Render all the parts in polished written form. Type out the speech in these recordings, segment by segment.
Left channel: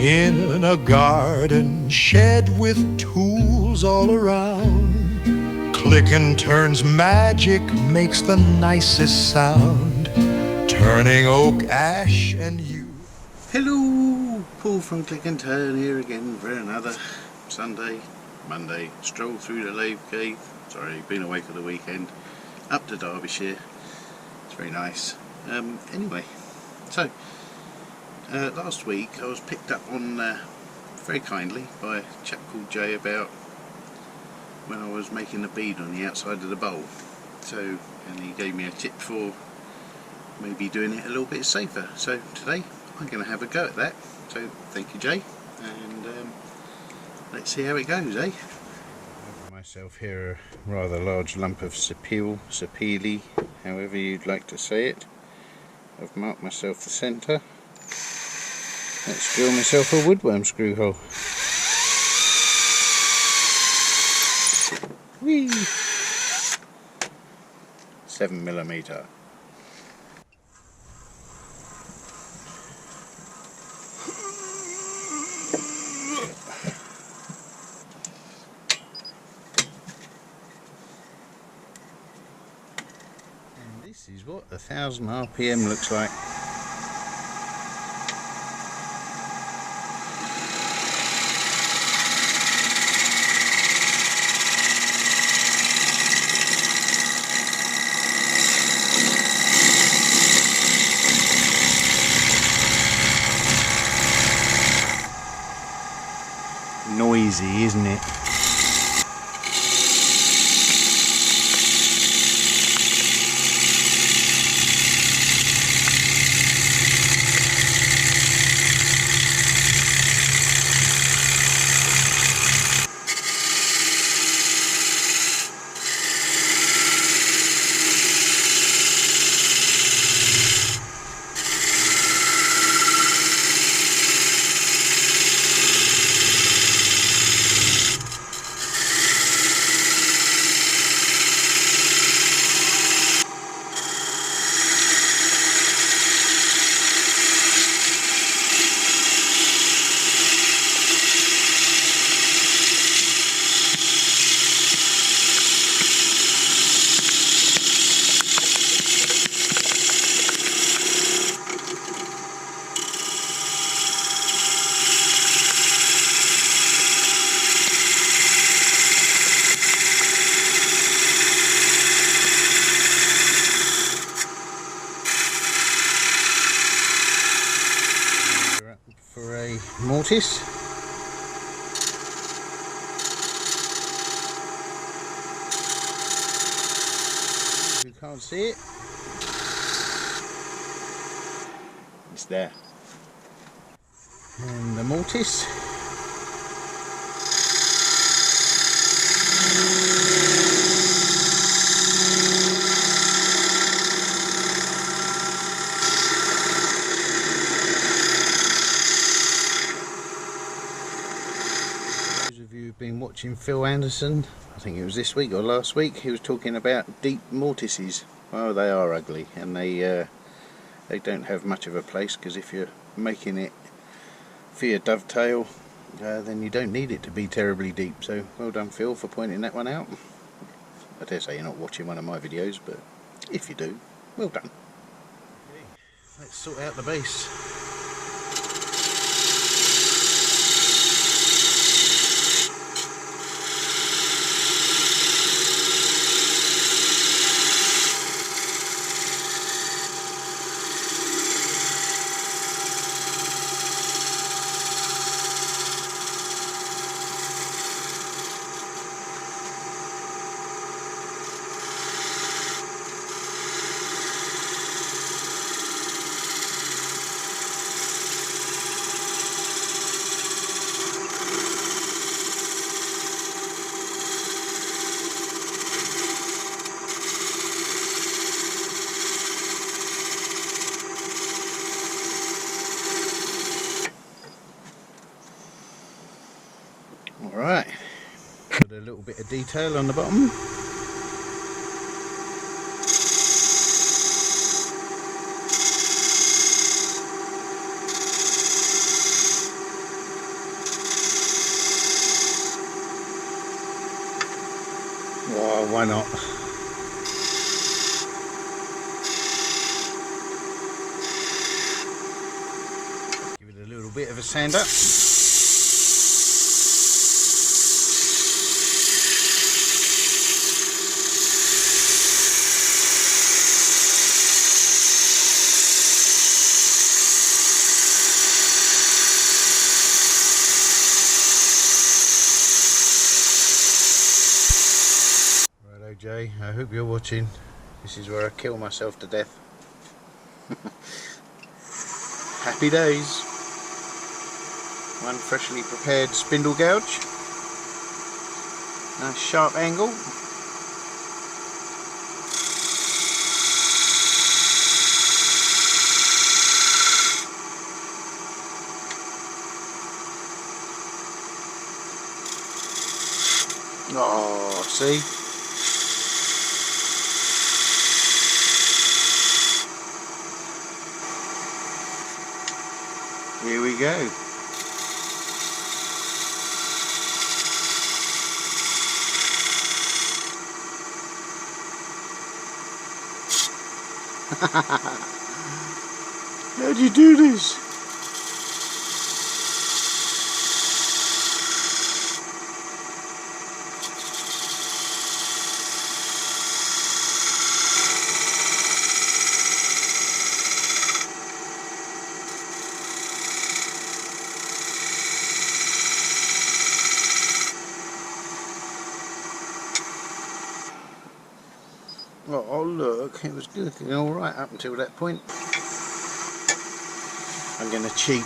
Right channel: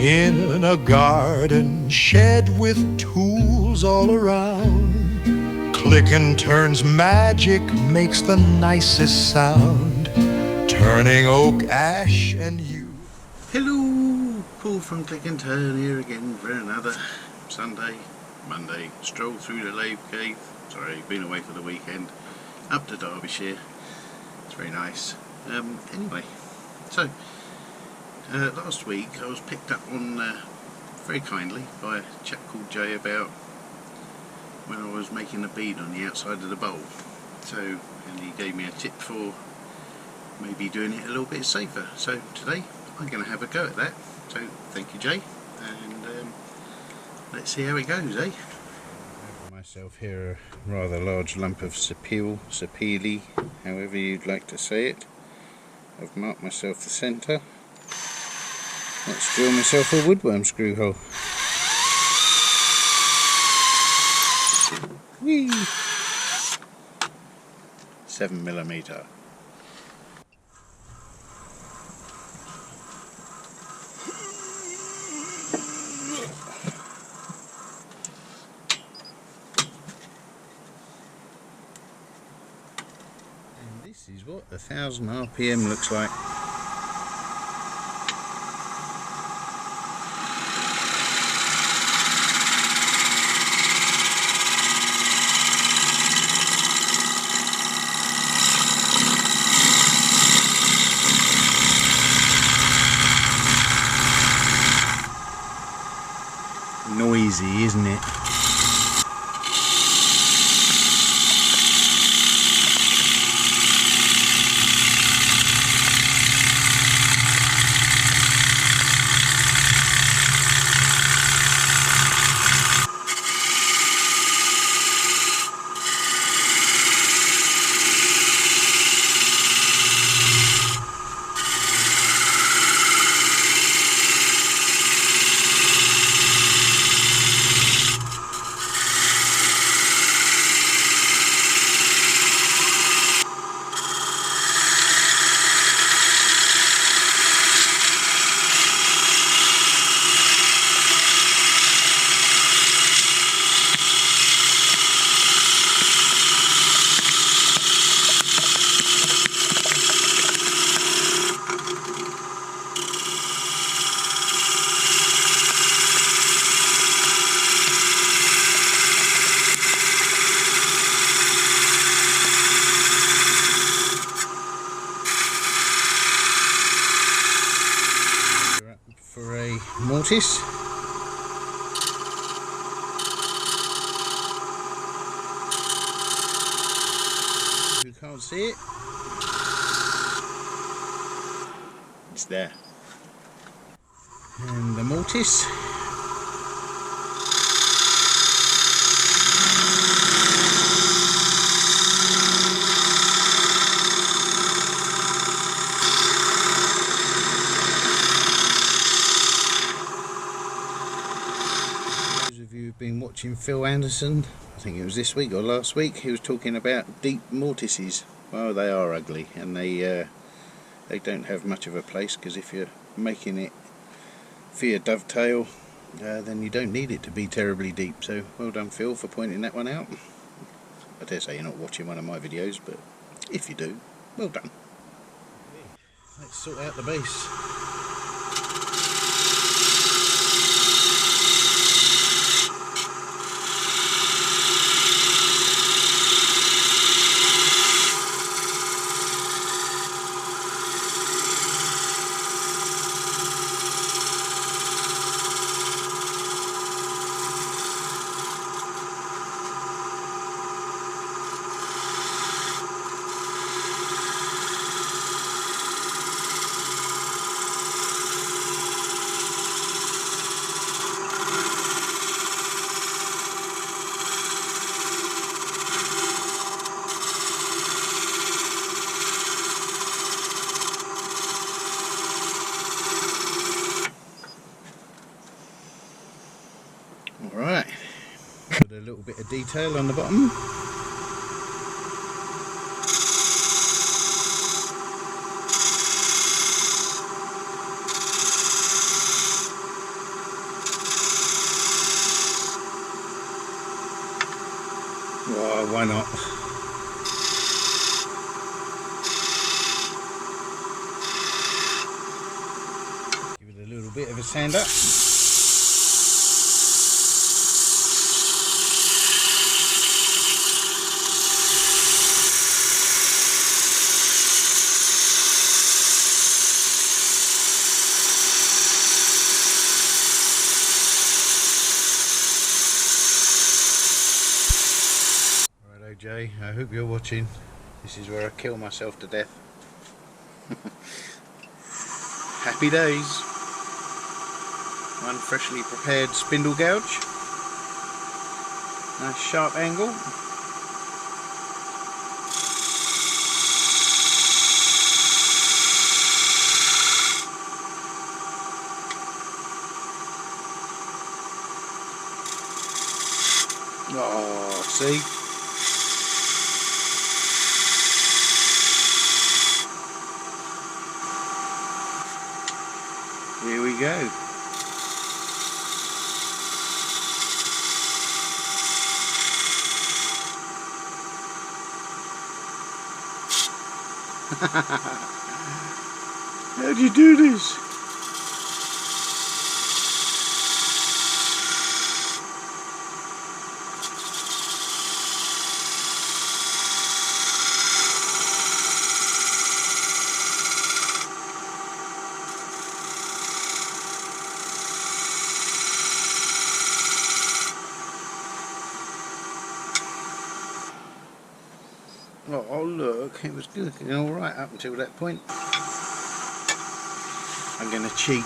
In a garden shed with tools all around, click and turn's magic makes the nicest sound, turning oak, ash and yew. Hello, Paul from Click and Turn here again for another Monday stroll through the lathe cave. Sorry, been away for the weekend, up to Derbyshire. It's very nice. Anyway, so last week I was picked up on very kindly by a chap called Jay about when I was making a bead on the outside of the bowl. So, and he gave me a tip for maybe doing it a little bit safer. So today I'm going to have a go at that. So thank you, Jay, and let's see how it goes, eh? I have myself here a rather large lump of Sapele, however you'd like to say it. I've marked myself the centre. Let's drill myself a woodworm screw hole. Whee! 7mm. And this is what 1000 RPM looks like. Noisy, isn't it? For a mortise. Who can't see it? It's there. And the mortise. If you've been watching Phil Anderson, I think it was this week or last week, he was talking about deep mortises. Well, they are ugly, and they don't have much of a place, because if you're making it for your dovetail, then you don't need it to be terribly deep. So well done, Phil, for pointing that one out. I dare say you're not watching one of my videos, but if you do, well done. Okay, let's sort out the base. Alright, put a little bit of detail on the bottom. Oh, why not? Give it a little bit of a sand up. Righto Jay, I hope you're watching. This is where I kill myself to death. Happy days. One freshly prepared spindle gouge. Nice sharp angle. Oh, see? Here we go. How do you do this? Oh look, it was looking alright up until that point. I'm going to cheat.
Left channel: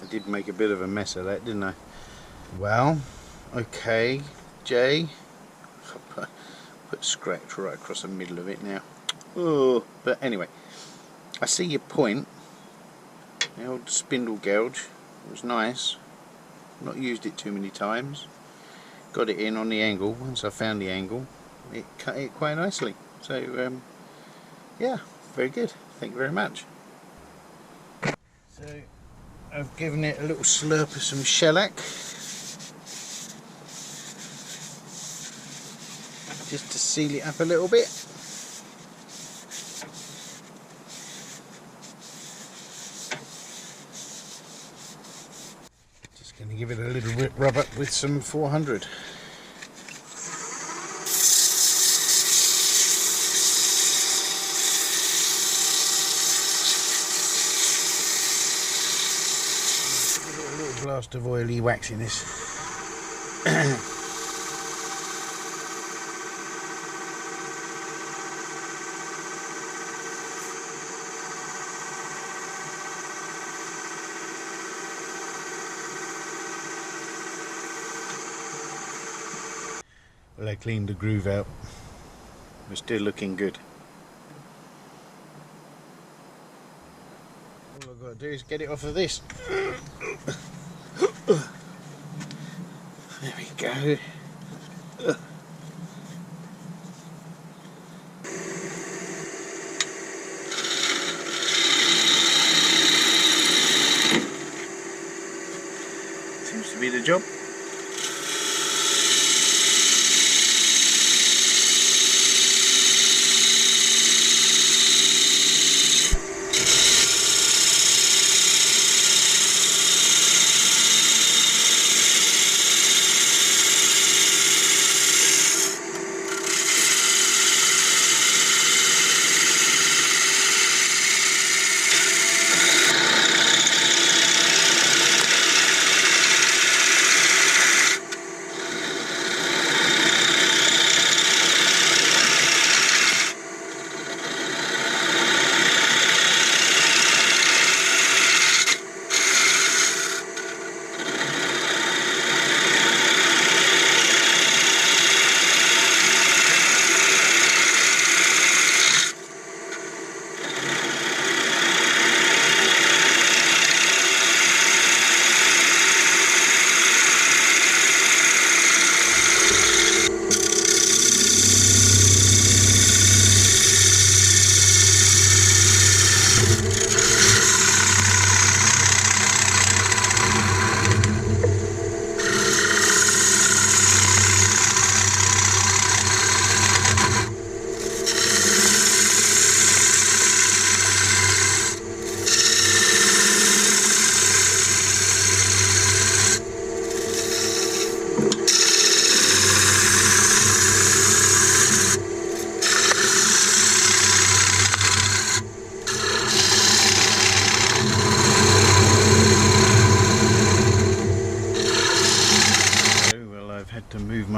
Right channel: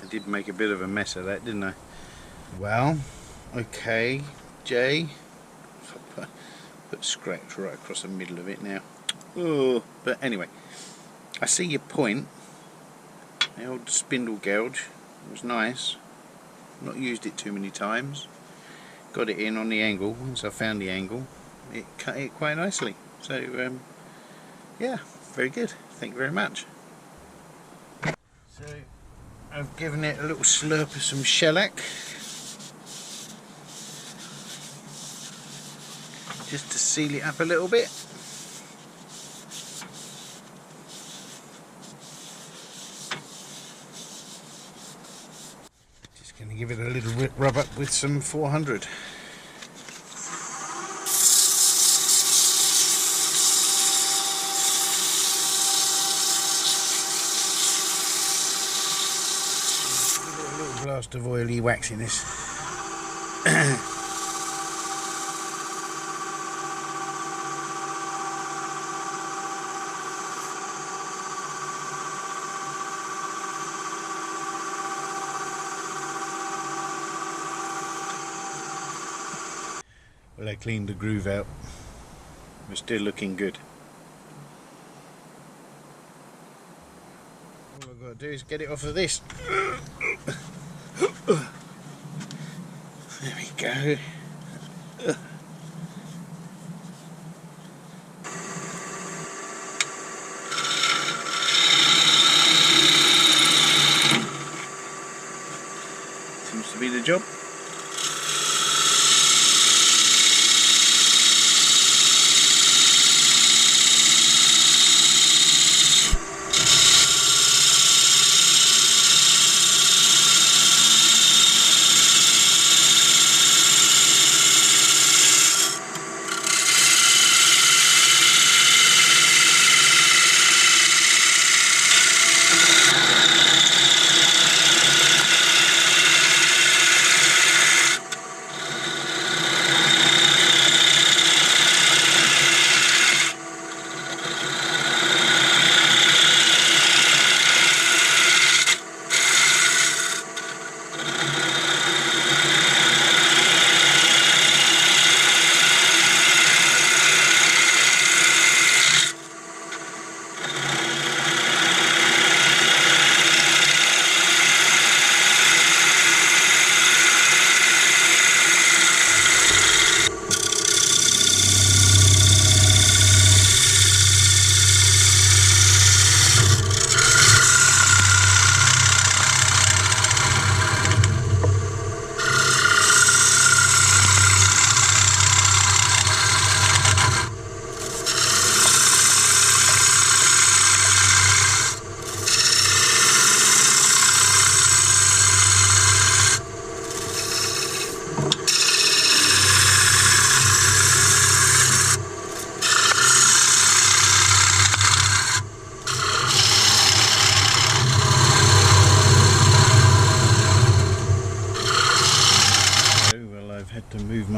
I did make a bit of a mess of that, didn't I? Well, okay, Jay. Put scratch right across the middle of it now. Oh, but anyway, I see your point. The old spindle gouge was nice. Not used it too many times. Got it in on the angle. Once I found the angle, it cut it quite nicely. So, yeah, very good. Thank you very much. So, I've given it a little slurp of some shellac. Just to seal it up a little bit. Just going to give it a little rub up with some 400. Give it a little blast of oily waxiness. Well, I cleaned the groove out. We're still looking good. All I've got to do is get it off of this. There we go. Seems to be the job.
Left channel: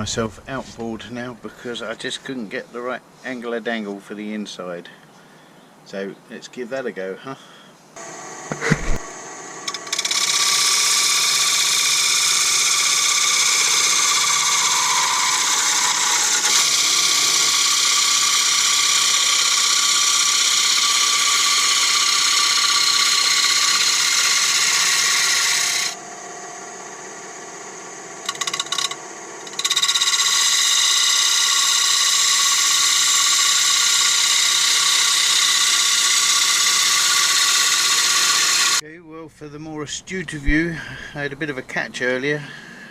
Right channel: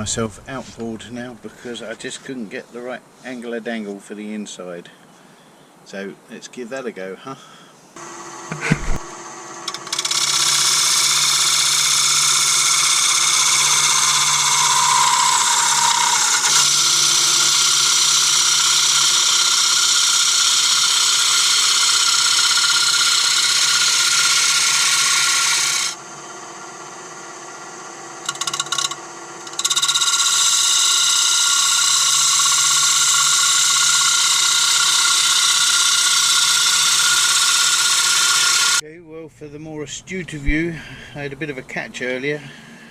myself outboard now because I just couldn't get the right angle of dangle for the inside. So let's give that a go, huh? Well, for the more astute of you, I had a bit of a catch earlier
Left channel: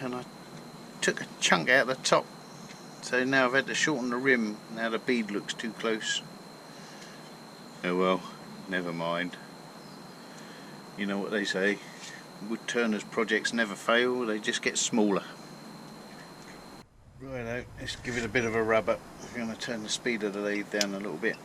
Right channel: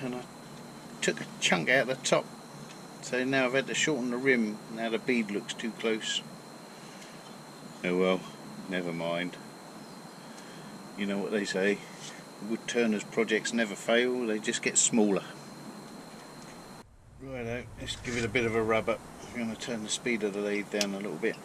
and I took a chunk out the top, so now I've had to shorten the rim. Now the bead looks too close. Oh well, never mind. You know what they say, woodturners projects never fail, they just get smaller. Righto, let's give it a bit of a rub up. I'm going to turn the speed of the lathe down a little bit.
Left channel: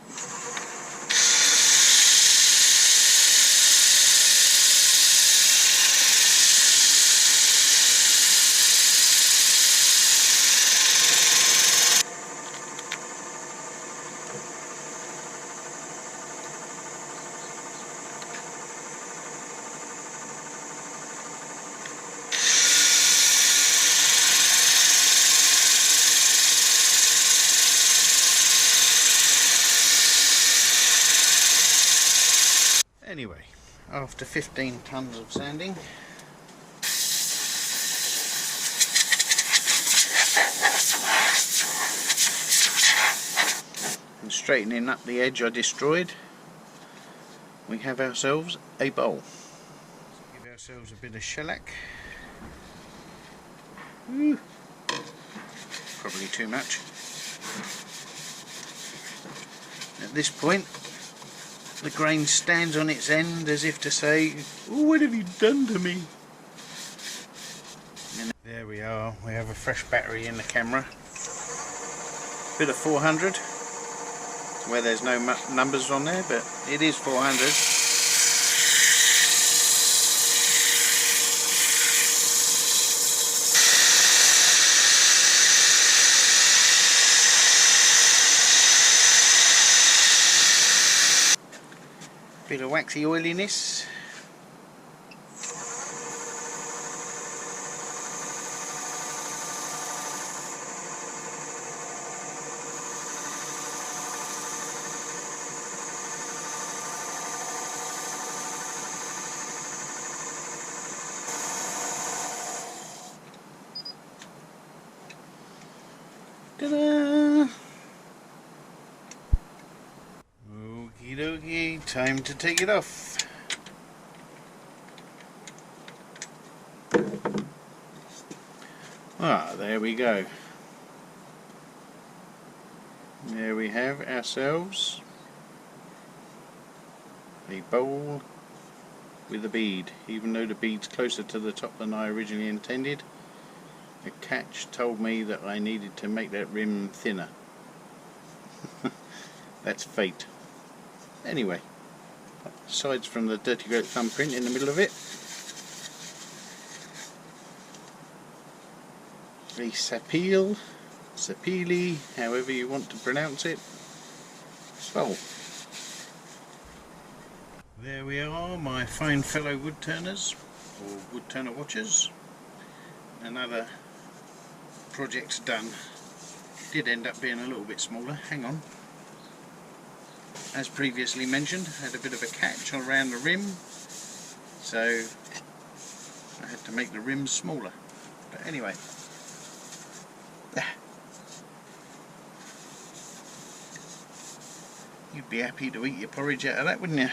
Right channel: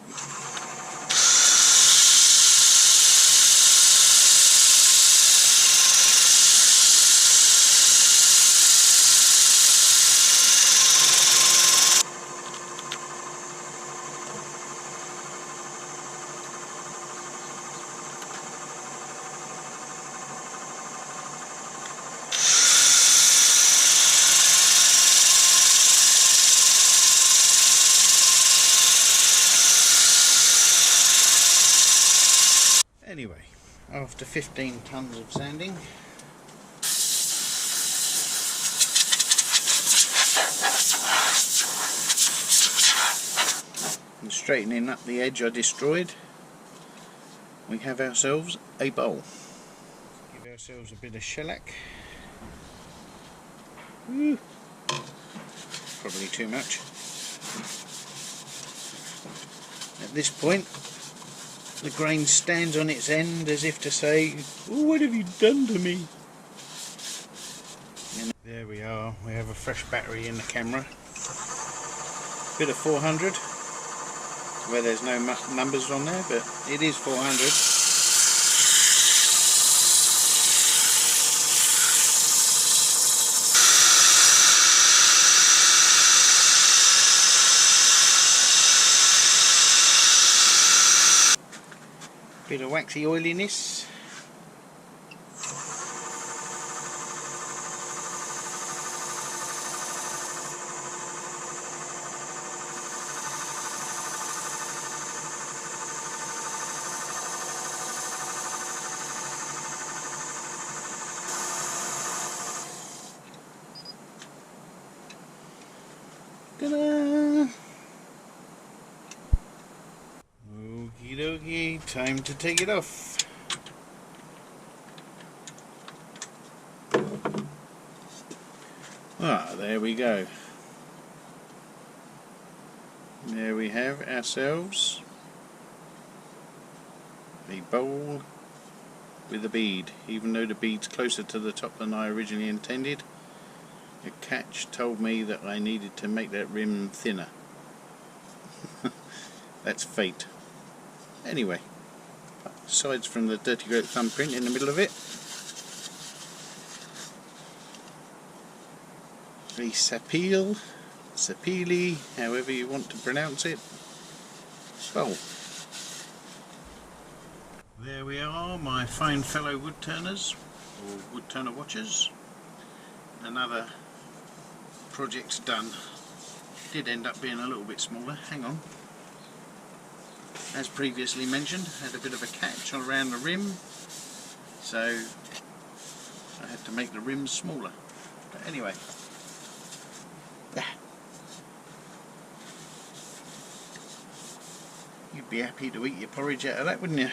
Anyway, after 15 tons of sanding, and straightening up the edge I destroyed, we have ourselves a bowl. Let's give ourselves a bit of shellac. Ooh, probably too much. At this point, the grain stands on its end as if to say, "Oh, what have you done to me?" And there we are, we have a fresh battery in the camera. Bit of 400, where there's no numbers on there, but it is 400. Bit of waxy oiliness. Ta-da! Okie dokie, time to take it off. Ah, there we go. There we have ourselves a bowl with a bead, even though the bead's closer to the top than I originally intended. A catch told me that I needed to make that rim thinner. That's fate. Anyway, aside from the dirty great thumbprint in the middle of it, a Sapele, however you want to pronounce it, bowl. There we are, my fine fellow woodturners, or woodturner watchers. Another project's done. Did end up being a little bit smaller. Hang on. As previously mentioned, had a bit of a catch around the rim, so I had to make the rim smaller. But anyway, you'd be happy to eat your porridge out of that, wouldn't you?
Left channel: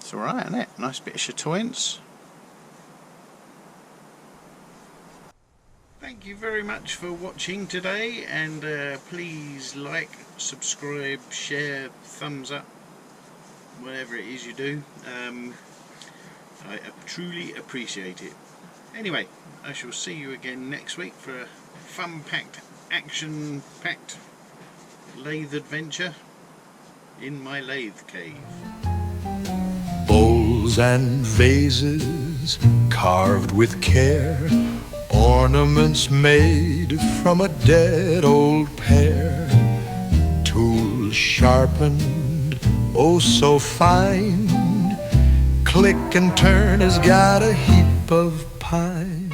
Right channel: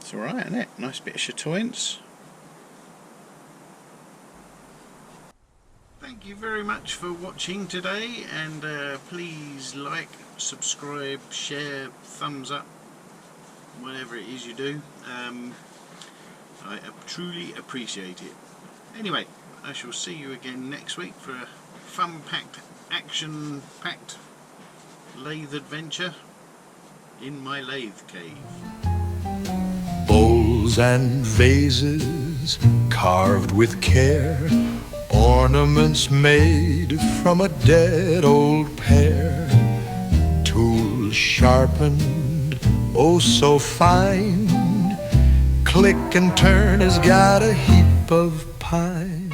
It's alright, isn't it? Nice bit of chatoyance. Thank you very much for watching today, and please like, subscribe, share, thumbs up, whatever it is you do. I truly appreciate it. Anyway, I shall see you again next week for a fun-packed, action-packed lathe adventure in my lathe cave. Bowls and vases faces carved with care, ornaments made from a dead old pear, tools sharpened, oh so fine. Click and Turn has got a heap of pine.